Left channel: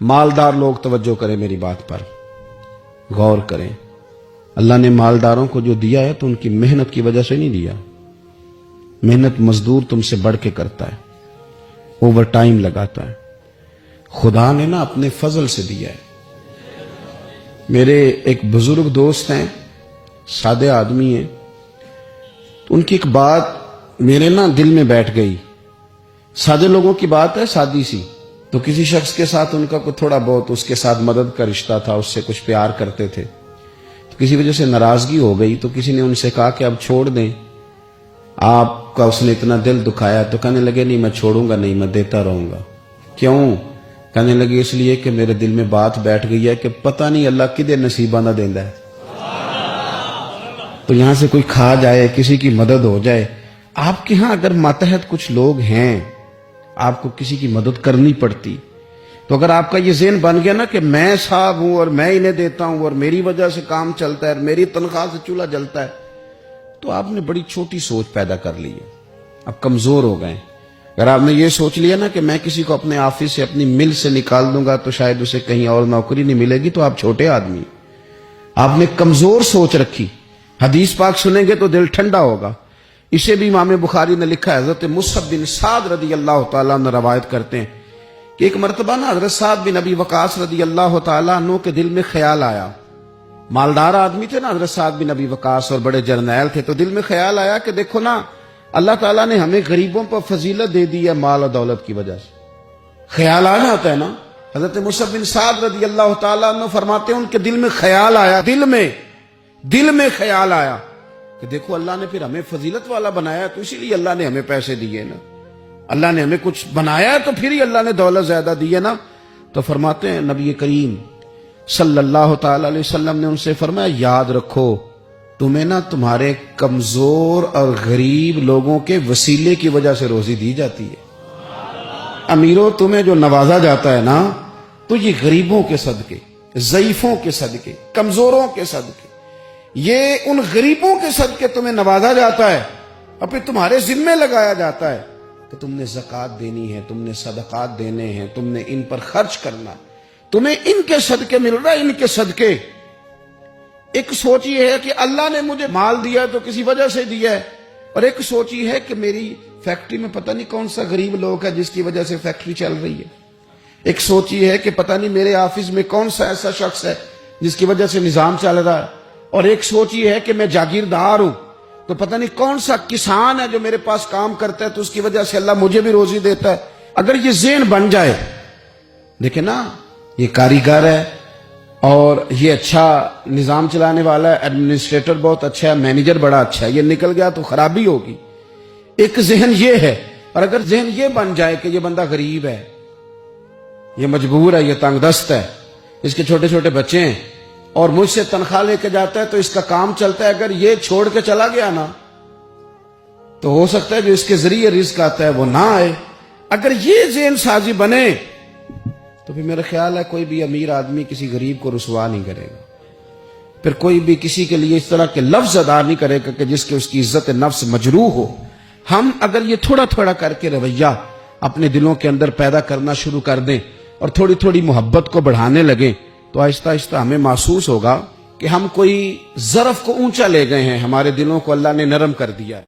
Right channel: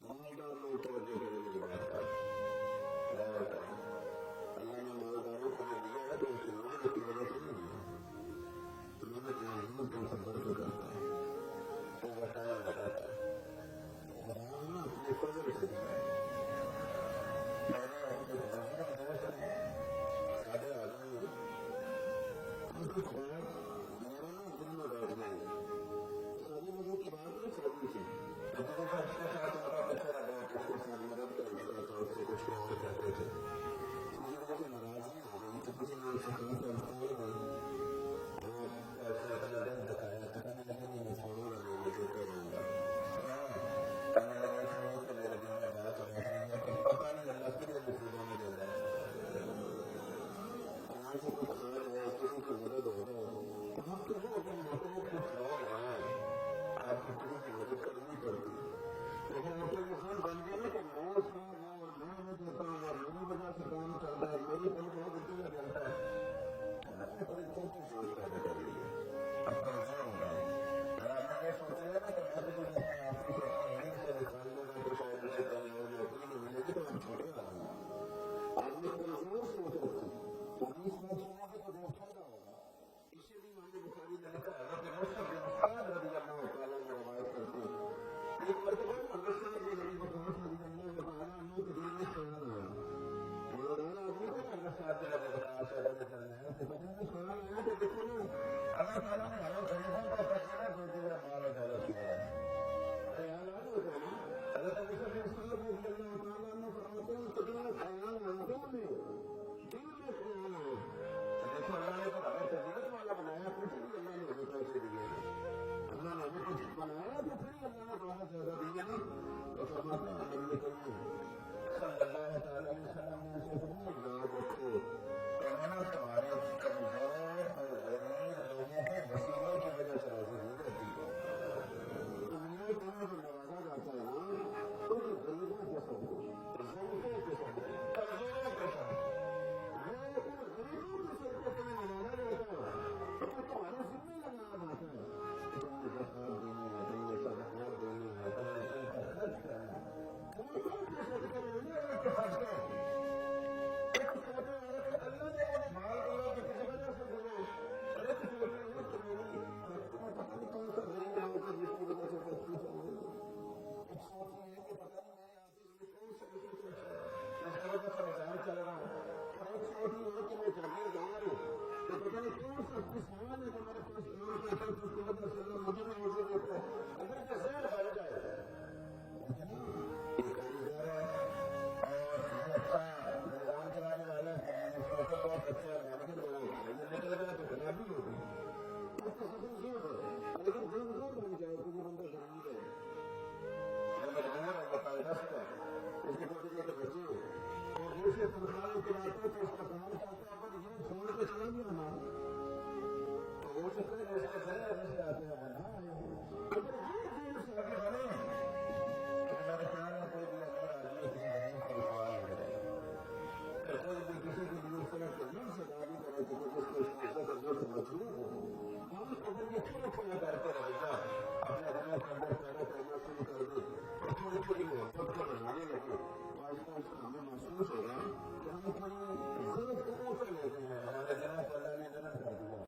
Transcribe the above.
मालदार लोग तवज्जो करें, मेरी बात पर गौर करें। अल्लाह ने मालदारों को जो दिया है तो उनकी मेहनत की वजह से नहीं दिया। मेहनत मजदूर तुमसे बढ़ के करता है, ओवर टाइम लगाता है। खुदा ने ना अपने फजल से दिया है। मेरे एक बुजुर्ग दोस्त हैं, सादे आदमी हैं, तो उनकी एक बात मेरे ना दिल में बैठ गई। सादे लोगों की बात है, सादी सी। तो किसी शख्स के साथ उनका कुछ थोड़ा बहुत उसके साथ मदद का रिश्ता था, उससे कुछ प्यार करते थे। तो किसी वजह से नाराजगी हो गई, तो किसी ने उनसे कहा कि अब छोड़ दें, आपका उसने इतना दिल दुखाया। तो कहने लगे नहीं, मैं छोड़ूंगा नहीं, मैं देता रहूंगा। क्यों? कहने लगे इसलिए कि मेरे दिल में बात बैठ गई है कि पता नहीं अल्लाह किदे नसीबा ना देंदा है। तो यहां से कोई खा जाए, किसी की मदद हो जाए। आपके यहां अगर मातहत कुछ लोग हैं, आपको किसी की मदद करनी पड़ती, तो अगर आपका ये ज़हन बन गया ना कि मैं साहब हूं और मैं इन्हें देता हूं और मेरी वजह से काम चलता है और मेरी तनख्वाह से चूल्हा जलता है, तो आपने बड़ी छोटी सोच पैदा कर ली है। अब कमजोर हो गए। अगर आपने ये सोच लिया ना कि मैं किसी को अपने ऑफिस से, अपनी मिल से निकाल दूंगा तो शायद उसे कहीं और नौकरी नहीं मिलेगी, तो आप छोटे आदमी। आपने कमजोर सोच रखी। हदीस पाक सुनेंगे तो दिल ठंडा होगा। इसे भी इमाम बुखारी ने लिखा है। हजरत मुसअब बिन साद रदी अल्लाह तआला अन्हु रवायत करते हैं कि एक मरतबा ना हजरत साद बिन अबी वकास रदी अल्लाह तआला अन्हु के दिल में ख्याल आया। मालदार आदमी थे ना हजरत साद बिन अबी वकास, और बड़े जर्नैल थे। तो दिल में ख्याल आया कि देखो ना, अल्लाह ताला ने हमें गरीबों पर फजीलत दे दी है माल और दौलत की वजह से। ख्याल आ जाता है ना। हजरत मुसअब बिन साद रदी अल्लाह तआला अन्हु फरमाते हैं उनके दिल में ख्याल आया, दिल में ख्याल आया कि देखो अल्लाह ने फिर हमें फजीलत वाला बनाया, तो इसीलिए अल्लाह ने हमें पैसे दिए ना। अल्लाह ने हमें कुछ बनाया तो फिर ही अल्लाह ने दौलत ज्यादा दी है ना। तो फरमाते हैं नबी करीम सल्लल्लाहु ताला अलैहि वसल्लम ने उनसे फरमाया, याद रखो तुम्हें ना तुम्हारे कमजोर और गरीब लोगों के वसीले की वजह से रोजी दी जाती है। अमीरों, तुम्हें जो नवाजा जाता है ना, तो ये गरीबों के सदके, ज़ईफों के सदके, कमजोरों के सदके, ये उन गरीबों के सदके तुम्हें नवाजा जाता है और फिर तुम्हारे जिम्मे लगाया जाता है कि तुमने ज़कात देनी है, तुमने सदकात देने हैं, तुमने इन पर खर्च करना, तुम्हें इनके सदके मिल रहा है, इनके सदके। एक सोच ये है कि अल्लाह ने मुझे माल दिया है तो किसी वजह से दिया है, और एक सोच ये है कि मेरी फैक्ट्री में पता नहीं कौन सा गरीब लोग है जिसकी वजह से फैक्ट्री चल रही है। एक सोच ये है कि पता नहीं मेरे ऑफिस में कौन सा ऐसा शख्स है जिसकी वजह से निजाम चल रहा है। और एक सोच ये है कि मैं जागीरदार हूं, तो पता नहीं कौन सा किसान है जो मेरे पास काम करता है, तो उसकी वजह से अल्लाह मुझे भी रोजी देता है। अगर ये ज़हन बन जाए, देखे ना, ये कारीगर है और ये अच्छा निजाम चलाने वाला है, एडमिनिस्ट्रेटर बहुत अच्छा है, मैनेजर बड़ा अच्छा है, ये निकल गया तो खराबी होगी। एक जहन ये है। और अगर जहन ये बन जाए कि ये बंदा गरीब है, ये मजबूर है, ये तंगदस्त है, इसके छोटे छोटे बच्चे हैं और मुझसे तनख्वाह लेके जाता है तो इसका काम चलता है, अगर ये छोड़ के चला गया ना, तो हो सकता है जो इसके जरिए रिस्क आता है वो ना आए। अगर ये ज़हन साजी बने तो फिर मेरा ख्याल है कोई भी अमीर आदमी किसी गरीब को रुसवा नहीं करेगा। फिर कोई भी किसी के लिए इस तरह के लफ्ज अदा नहीं करेगा कि जिसके उसकी इज्जत नफ्स मजरूह हो। हम अगर ये थोड़ा थोड़ा करके रवैया अपने दिलों के अंदर पैदा करना शुरू कर दें और थोड़ी थोड़ी मोहब्बत को बढ़ाने लगें, तो आहिस्ता आहिस्ता हमें महसूस होगा कि हम कोई ज़रफ को ऊंचा ले गए हैं, हमारे दिलों को अल्लाह ने नरम कर दिया।